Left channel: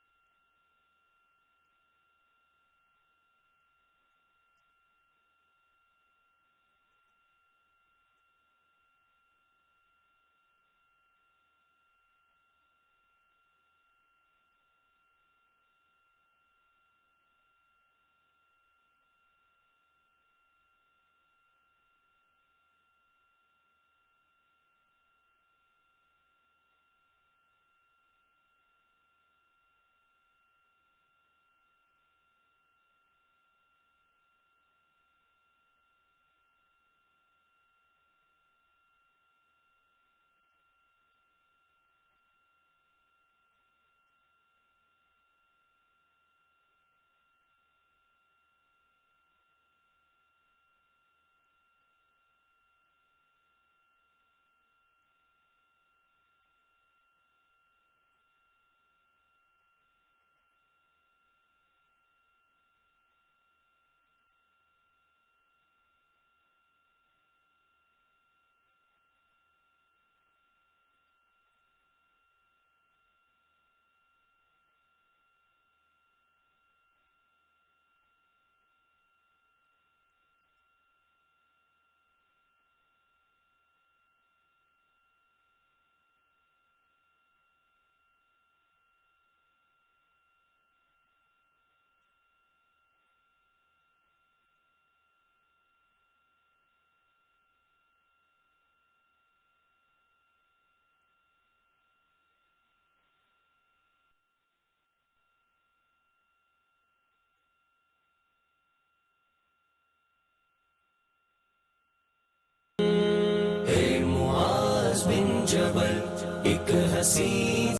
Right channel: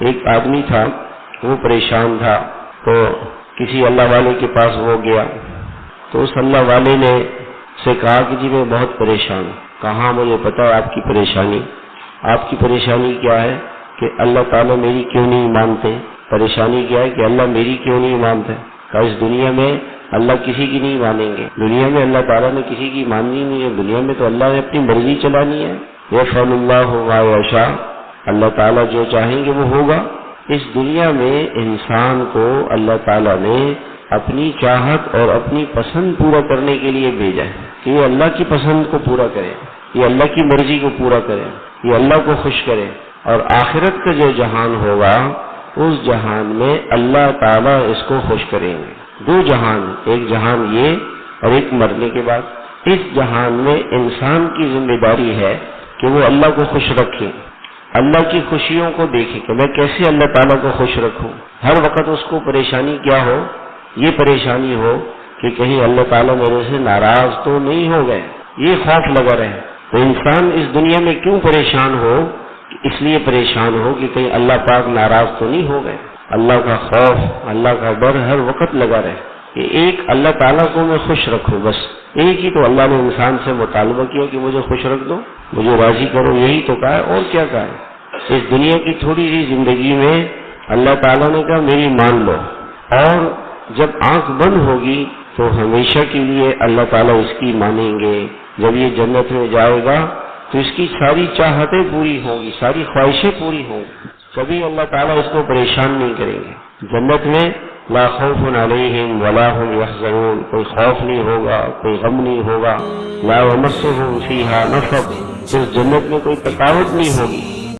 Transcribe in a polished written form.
ایک آدمی تھا، وہ پریشان تھا، تو کسی اللہ والے کے پاس وہ گیا، تو اس اللہ والے نے سے کہا کہ جی میں بہت پریشان ہوں۔ کہا مجھے پتا ہے آپ کی پریشانی، آپ کی پریشانی کیا ہے کہ اللہ تعالیٰ میری کیوں نہیں مانتے؟ پریشانی کیا ہے کہ اللہ میری کیوں نہیں مانتے؟ کہا اس دنیا میں اللہ کسی کی نہیں مانیں گے، دنیا میں اللہ تعالیٰ نے کسی کی ماننی نہیں ہے، دنیا میں تو اللہ نے اپنی مرضی چلانی ہے، یفعل اللہ ما یشاء، اللہ تعالیٰ جو چاہیں گے وہ ہوگا۔ اس دنیا میں انسان کو اللہ تعالیٰ نے اپنی چاہت اور اپنی پسند پورا کرنے کے لیے بھیجا ہے کہ یہ اللہ کی پسند کو پورا کرے، یہ اللہ کی مرضی کو پورا کرے، یہ اللہ کو خوش کرے، اور آخرت کا جو جہان ہوگا اس جہان میں اللہ تعالیٰ اس کو خوش کریں گے۔ دو جہان، ایک جہان یہ اور ایک مرنے کے بعد۔ اس جہان میں انسان کی ذمہ داری ہے کہ وہ اللہ کو خوش رکھے، اللہ کی خوشیوں کو دیکھے کہ میں کیسے اللہ تعالیٰ کو خوش رکھوں۔ ہر وقت اس کو پریشانی کیا ہو؟ یہ پریشانی ہو کہ کہیں اللہ تعالیٰ میرے سے ناراض تو نہیں ہو گئے، یہ خوف لگا رہے۔ تو انسان اس دنیا میں کیوں پریشان ہو؟ اس لیے پریشان ہو کہ کہیں اللہ پاک ناراض تو نہیں ہو گئے۔ اللہ کا خوف، اللہ کا ڈر ہر وقت لگا رہے کہ ایک اللہ تعالیٰ کو میں خوش رکھوں، بس ایک ہی تو اللہ نے انسان سے مطالبہ کیا کہ مجھے خوش رکھ دو، مجھے راضی کرو، یہی تو کہا ہے، اور کیا کہا ہے؟ اس دنیا کی تھوڑی سی زندگی میں اللہ تعالیٰ نے کہا میری مان لو، اور جب آنکھ بند ہوگی تو ہمیشہ کے لیے اللہ تعالیٰ اس کی مانیں گے۔ جب یہ جنت میں جائے گا تو اس کی ساری چاہتیں پوری ہوں گی، ساری خواہشیں پوری ہوں گی، کبھی اللہ تعالیٰ اس کو پریشان نہیں کریں گے۔ جنت میں لا خوف علیہم ولا هم یحزنون، کوئی خوف نہیں ہوگا، کوئی غم نہیں ہوگا۔ لا یمسهم فیہا نصب، اس جنت میں کوئی تھکاوٹ نہیں ہوگی،